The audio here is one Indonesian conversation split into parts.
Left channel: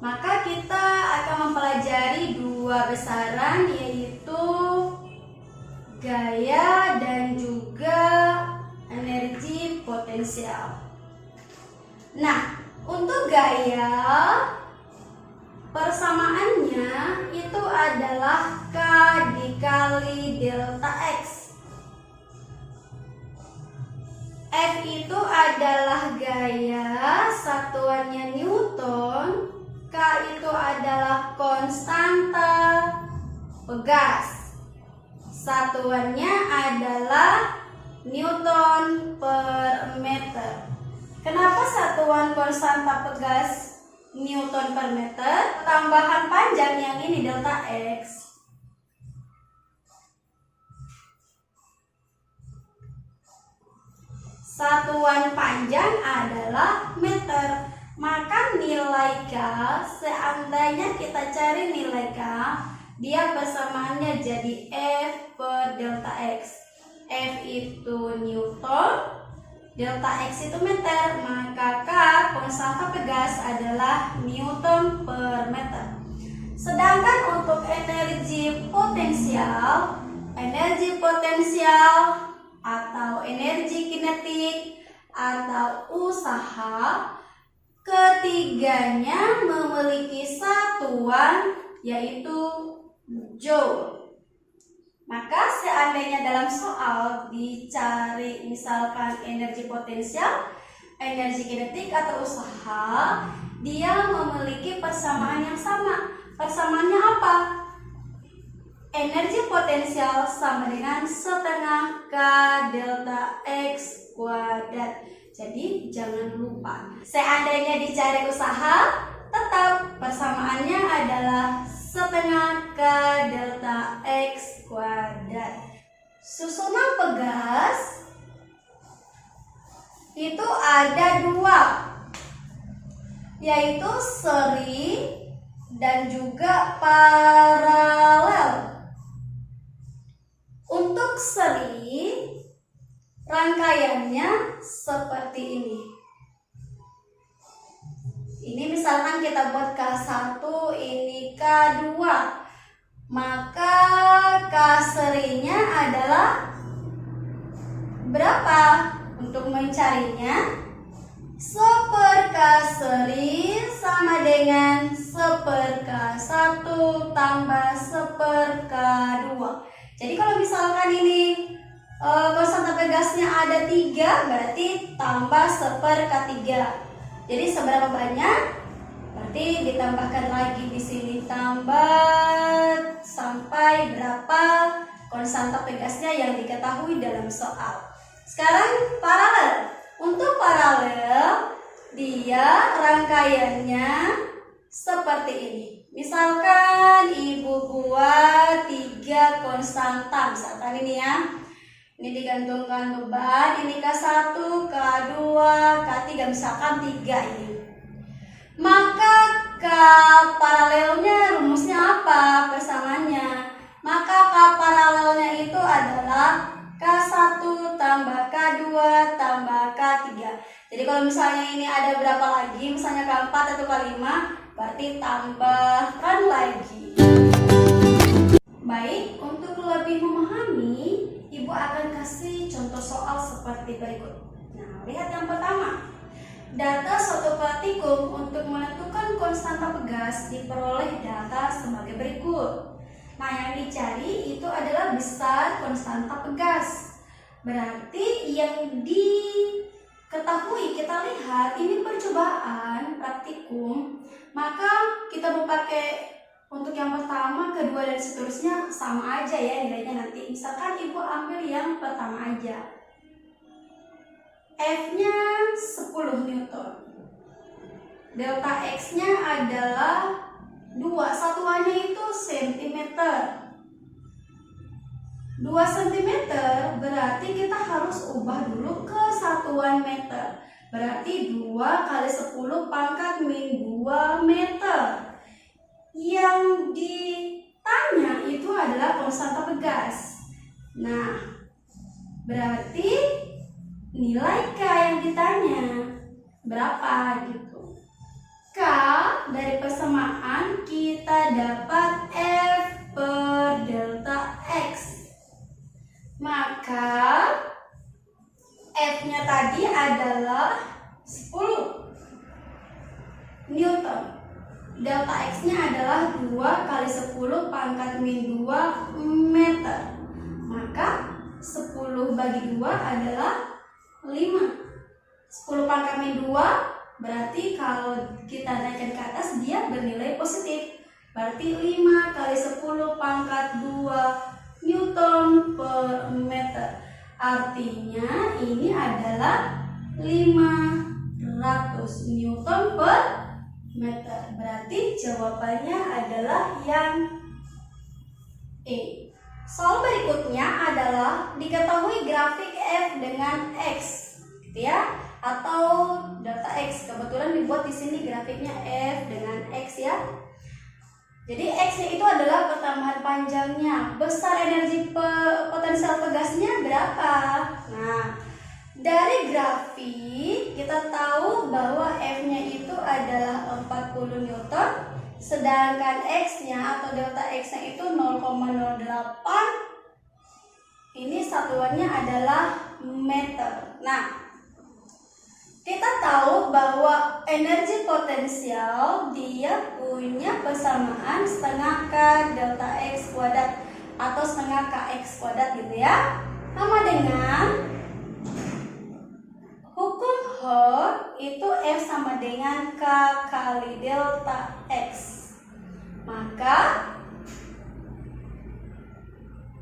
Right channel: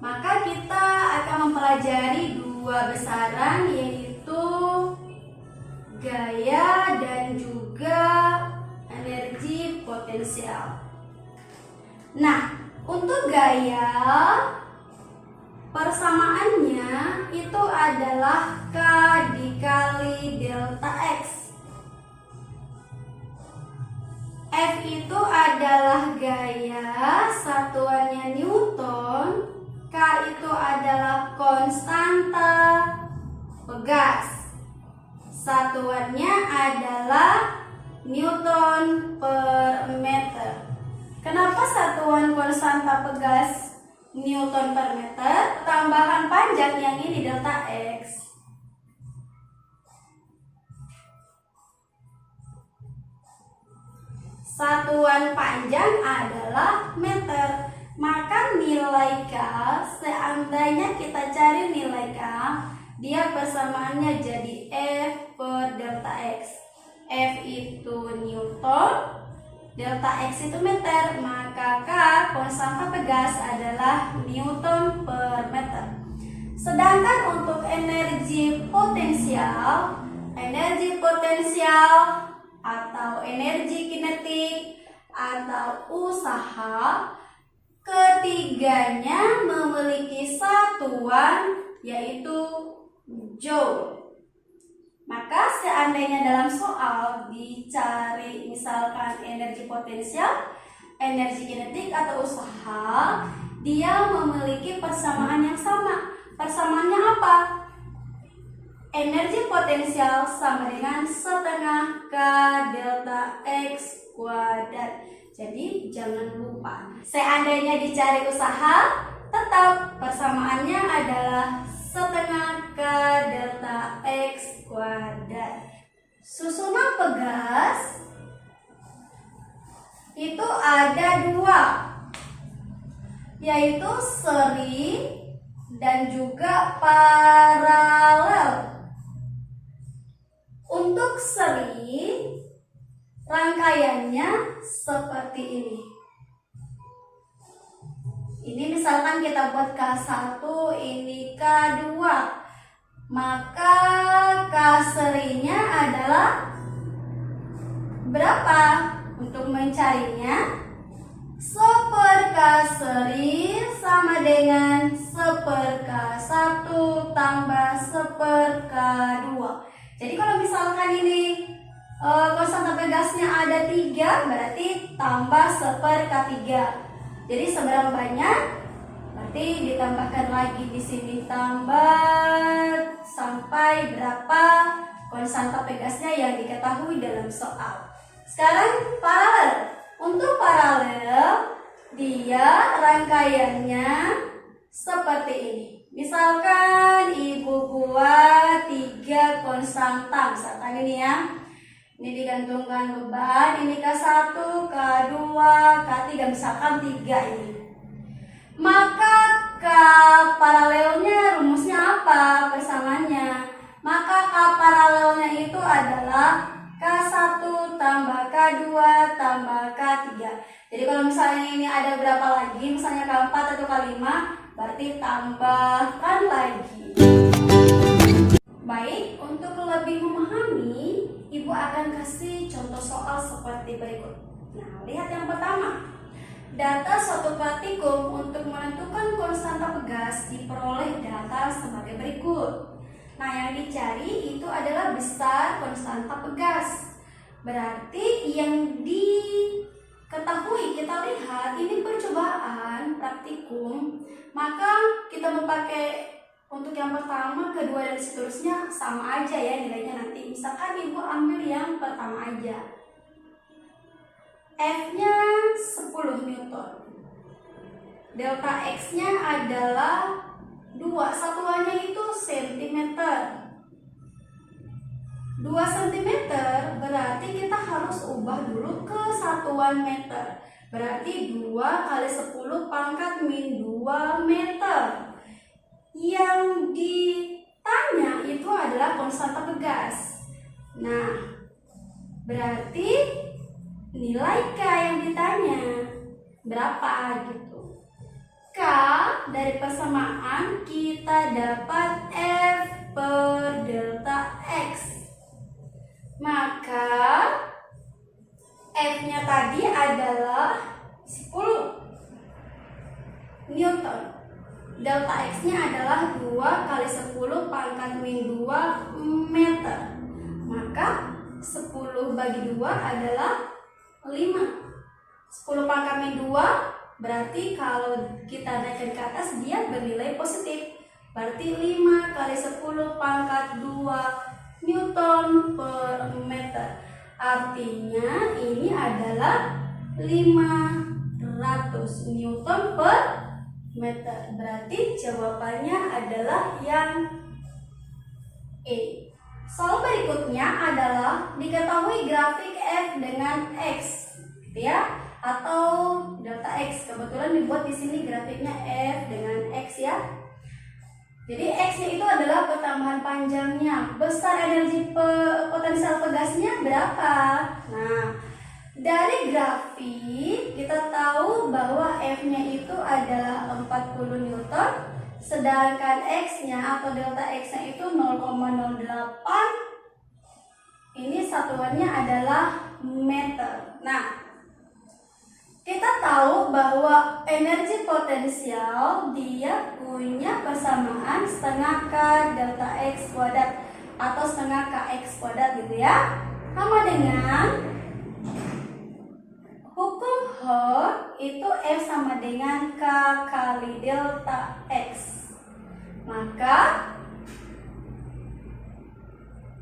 Maka kita akan mempelajari dua besaran, yaitu gaya dan juga energi potensial. Nah, untuk gaya persamaannya itu adalah K dikali delta X. F itu adalah gaya, satuannya Newton. K itu adalah konstanta pegas, satuannya adalah Newton per meter. Kenapa satuan konstanta pegas Newton per meter? Tambahan panjang yang ini delta X. Satuan panjang adalah meter. Maka nilai K, seandainya kita cari nilai K, dia persamaannya jadi F per delta X. F itu Newton, delta X itu meter, maka K konstanta pegas adalah Newton per meter. Sedangkan untuk energi potensial atau energi kinetik atau usaha, ketiganya memiliki satuan yaitu joule. Maka seandainya dalam soal dicari misalkan energi potensial, energi kinetik atau usaha, dia memiliki persamaan yang sama. Persamaannya apa? Energi potensial sama dengan setengah K delta X kuadrat. Jadi jangan lupa, seandainya dicari usaha, tetap persamaannya adalah setengah K delta X kuadrat. Susunan pegas itu ada dua, yaitu seri dan juga paralel. Untuk seri, rangkaiannya seperti ini. Ini misalkan kita buat K1, ini K2. Maka K serinya adalah berapa? Untuk mencarinya, 1/K seri sama dengan 1/K1 tambah 1/K2. Jadi kalau misalkan ini konstanta pegasnya ada 3, berarti tambah 1/K3. Jadi seberapa banyak? Berarti ditambahkan lagi di sini, tambah sampai berapa konstanta pegasnya yang diketahui dalam soal. Sekarang paralel. Untuk paralel, dia rangkaiannya seperti ini. Misalkan ibu buat 3 konstanta, misalkan ini ya. Ini digantungkan beban, ini K1, K2, K3, misalkan 3 ini. Maka K paralelnya rumusnya apa? Persamaannya. Maka K paralelnya itu adalah K1 tambah K2 tambah K3. Jadi kalau misalnya ini ada berapa lagi, misalnya K4 atau K5, berarti tambahkan lagi. Baik, untuk lebih memahami, Ibu akan kasih contoh soal seperti berikut. Nah, lihat yang pertama. Data suatu praktikum untuk menentukan konstanta pegas diperoleh data sebagai berikut. Nah, yang dicari itu adalah besar konstanta pegas. Berarti yang diketahui, kita lihat ini percobaan praktikum, maka kita memakai untuk yang pertama, kedua, dan seterusnya sama aja ya nilainya nanti. Misalkan Ibu ambil yang pertama aja. F-nya 10 Newton. Delta X-nya adalah 2, satuannya itu cm. 2 cm berarti kita harus ubah dulu ke satuan meter. Berarti 2 kali 10 pangkat min 2 meter. Yang ditanya itu adalah konstanta pegas. Nah, berarti nilai K yang ditanya berapa gitu. K K dari persamaan kita dapat F per delta X. Maka F-nya tadi adalah 10 Newton. Delta X-nya adalah 2 kali 10 pangkat min 2 meter. Maka 10 bagi 2 adalah 5. 10 pangkat min 2 berarti kalau kita naikkan ke atas dia bernilai positif. Berarti 5 kali 10 pangkat 2 Newton per meter. Artinya ini adalah 500 Newton per meter. Berarti jawabannya adalah yang E. Soal berikutnya adalah diketahui grafik F dengan X, gitu ya, atau delta X. Kebetulan dibuat di sini grafiknya F dengan X ya. Jadi X-nya itu adalah pertambahan panjangnya. Besar energi potensial pegasnya berapa? Nah, dari grafik kita tahu bahwa F-nya itu adalah 40 Newton, sedangkan X-nya atau delta X-nya itu 0,08. Ini satuannya adalah meter. Nah, kita tahu bahwa energi potensial dia punya persamaan setengah K delta X kuadrat atau setengah KX kuadrat gitu ya. Sama dengan hukum Hort itu F sama dengan K kali delta X. Maka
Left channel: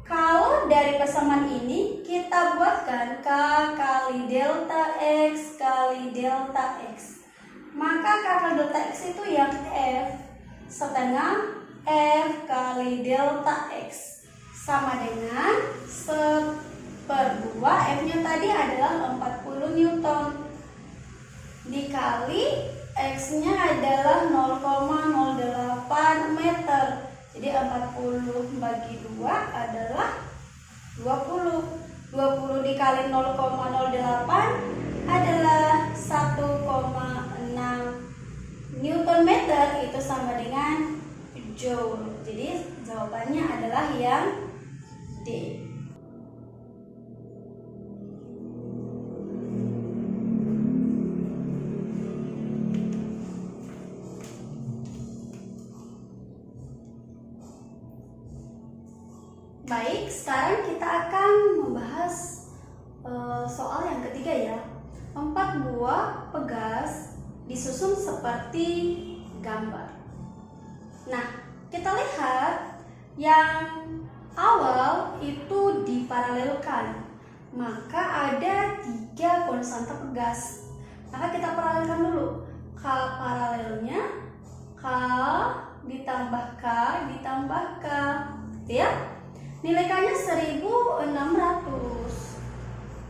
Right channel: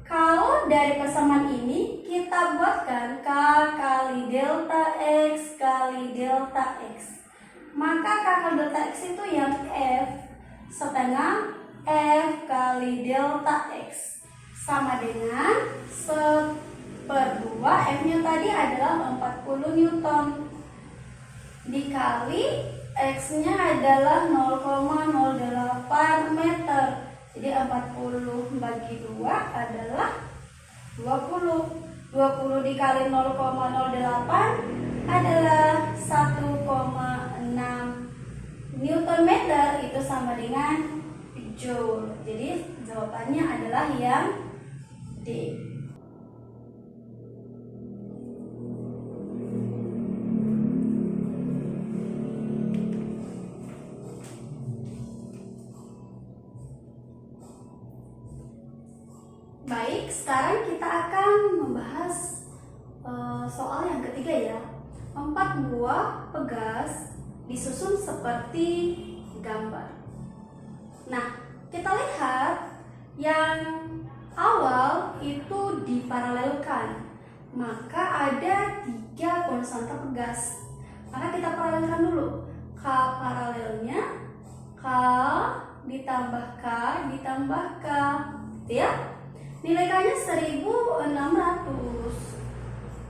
kalau dari persamaan ini kita buatkan K kali delta X kali delta X. Maka K kali delta X itu yang F setengah F kali delta X sama dengan 1/2. F-nya tadi adalah 40 Newton dikali X-nya adalah 0,08 meter. Jadi 40 bagi 2 adalah 20. 20 dikali 0,08 adalah 1,6 Newton meter. Itu sama dengan Joule. Jadi jawabannya adalah yang D. Baik, sekarang kita akan membahas soal yang ketiga ya. 4 buah pegas disusun seperti gambar. Nah, kita lihat yang awal itu diparalelkan. Maka ada 3 konstanta pegas. Maka kita paralelkan dulu. K paralelnya K ditambah K ditambah K, gitu ya. Nilai K-nya 1600.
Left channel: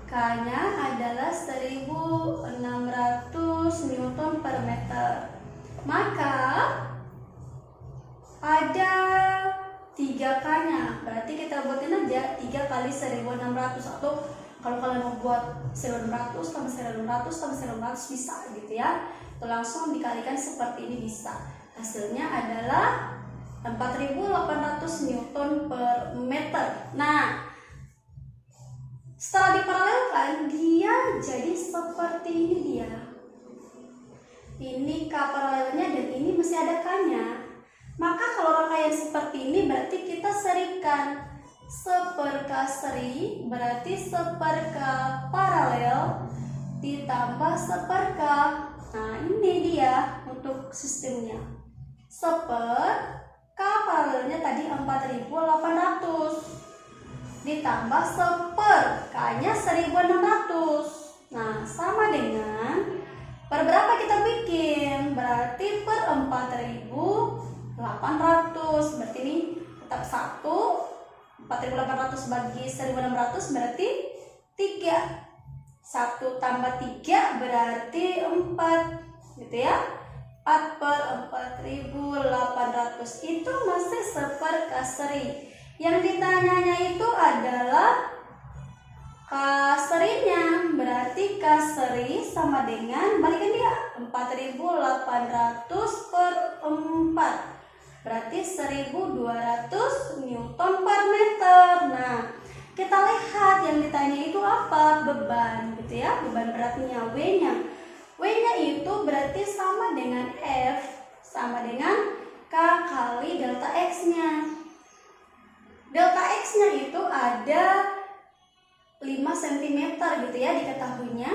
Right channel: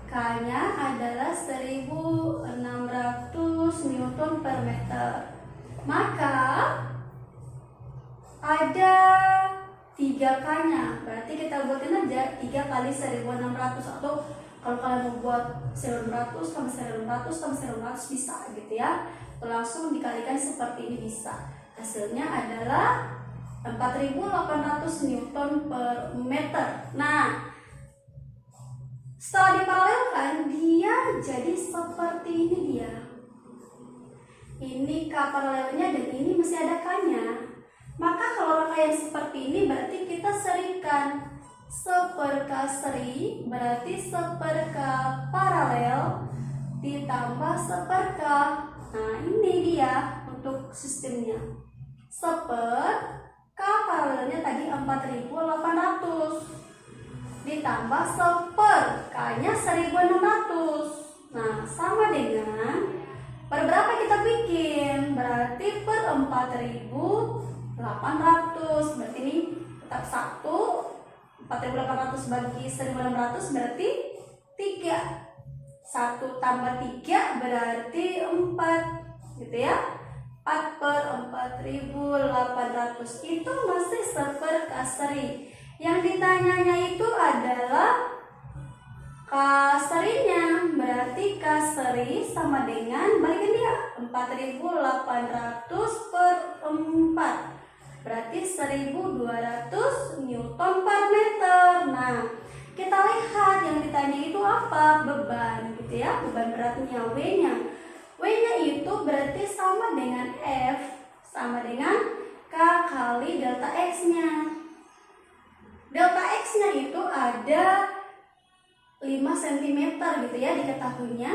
K-nya adalah 1600 Newton per meter. Maka ada 3 K-nya. Berarti kita buatin aja 3 kali 1600. Atau kalau kalian mau buat 1600 tambah 1600 tambah 1600 bisa gitu ya. Atau langsung dikalikan seperti ini bisa. Hasilnya adalah 4800 Newton per meter. Nah, setelah diparalelkan dia jadi seperti ini dia. Ini K paralelnya dan ini masih ada K-nya. Maka kalau rangkaian seperti ini berarti kita serikan. 1/K seri berarti 1/K paralel ditambah 1/K. Nah, ini dia untuk sistemnya. 1/K paralelnya tadi 4800 ditambah 1/, K-nya 1600. Nah, sama dengan per berapa kita bikin? Berarti per 4800. Berarti ini tetap 1. 4800 bagi 1600 berarti 3. 1 tambah 3 berarti 4, gitu ya. 4/4800 itu masih 1/K seri. Yang ditanyanya itu adalah K serinya. Berarti K seri sama dengan, balikin dia, 4.800 per 4. Berarti 1.200 Newton per meter. Nah, kita lihat yang ditanya itu apa? Beban gitu ya, beban beratnya, W-nya. W-nya itu berarti sama dengan F sama dengan K kali delta X-nya. Delta X-nya itu ada 5 cm gitu ya diketahuinya.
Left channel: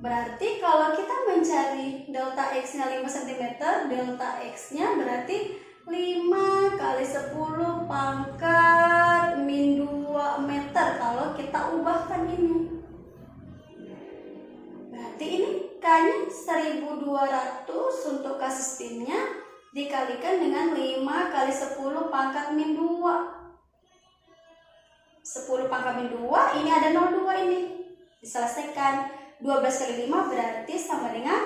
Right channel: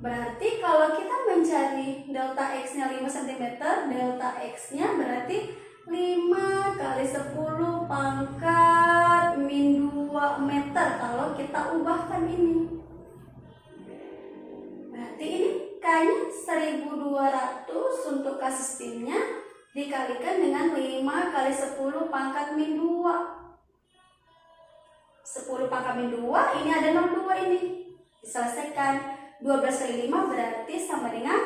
Berarti kalau kita mencari delta X-nya 5 cm, delta X-nya berarti 5 kali 10 pangkat min 2 meter kalau kita ubahkan ini. Berarti ini K-nya 1.200 untuk K sistemnya dikalikan dengan 5 kali 10 pangkat min 2. 10 pangkat min 2, ini ada 02 ini. Diselesaikan 12 kali 5 berarti sama dengan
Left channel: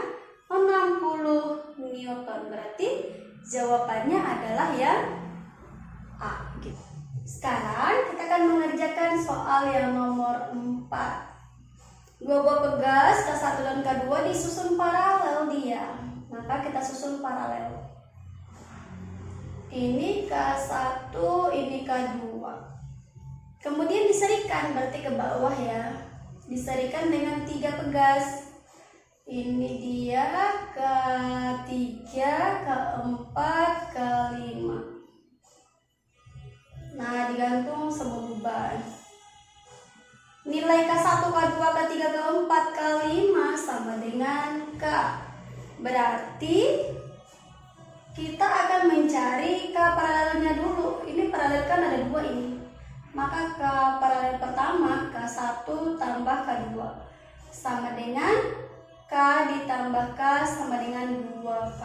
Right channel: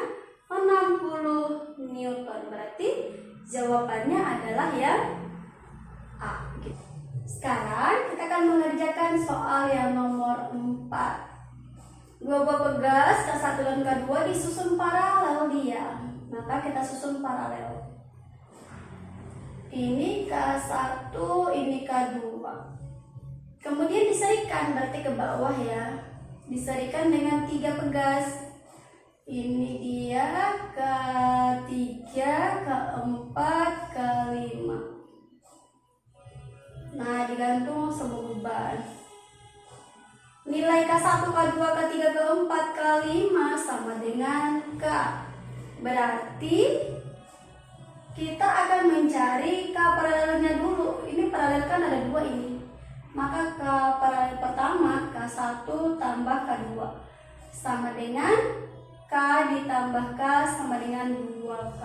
60 Newton. Berarti jawabannya adalah yang A gitu. Sekarang kita akan mengerjakan soal yang nomor 4. Dua buah pegas K1 dan K2 disusun paralel dia. Maka kita susun paralel. Ini K1, ini K2. Kemudian diserikan, berarti ke bawah ya. Diserikan dengan 3 pegas. Ini dia K3, K4, K5. Nah, digantung semua beban. Nilai K1, K2, K3, K4, K5 sama dengan K. Berarti kita akan mencari K paralelnya dulu. Ini paralel kan ada 2 ini. Maka K paralel pertama K1 tambah K2 sama dengan K ditambah K sama dengan 2K.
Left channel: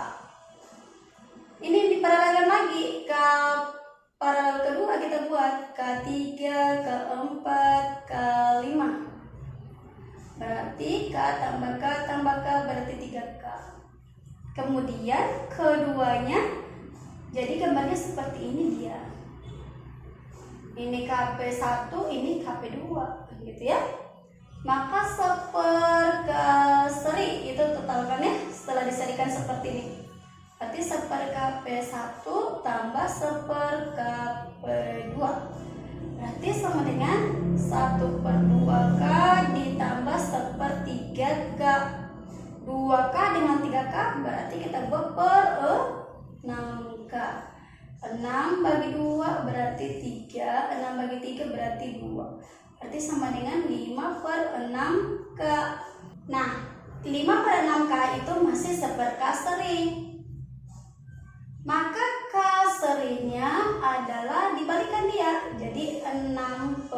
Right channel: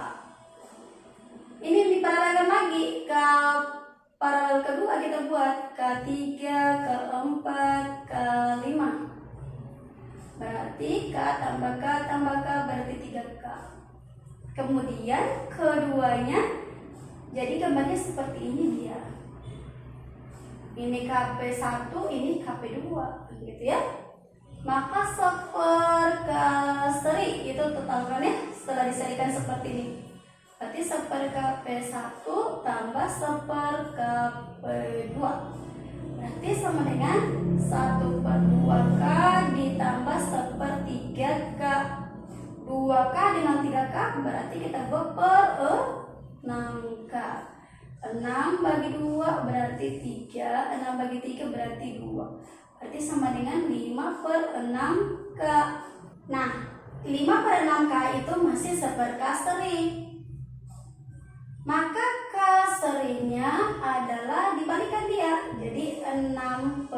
Ini diparalelkan lagi. K paralel kedua kita buat K3, K4, K5. Berarti K tambah K berarti 3K. Kemudian keduanya jadi gambarnya seperti ini dia. Ini KP1, ini KP2 gitu ya. Maka seperkaseri itu totalkannya setelah diserikan seperti ini. Berarti seperKP1 tambah seperKP2. Berarti sama dengan 1/2K ditambah 1/3K. 2K dengan 3K berarti kita buat per 6K. 6 bagi 2 berarti 3, 6 bagi 3 berarti 2. Berarti sama dengan 5/6K. Nah, 5/6K itu masih seperkaseri. Maka kaserinya adalah dibalikan dia. Jadi 6/5K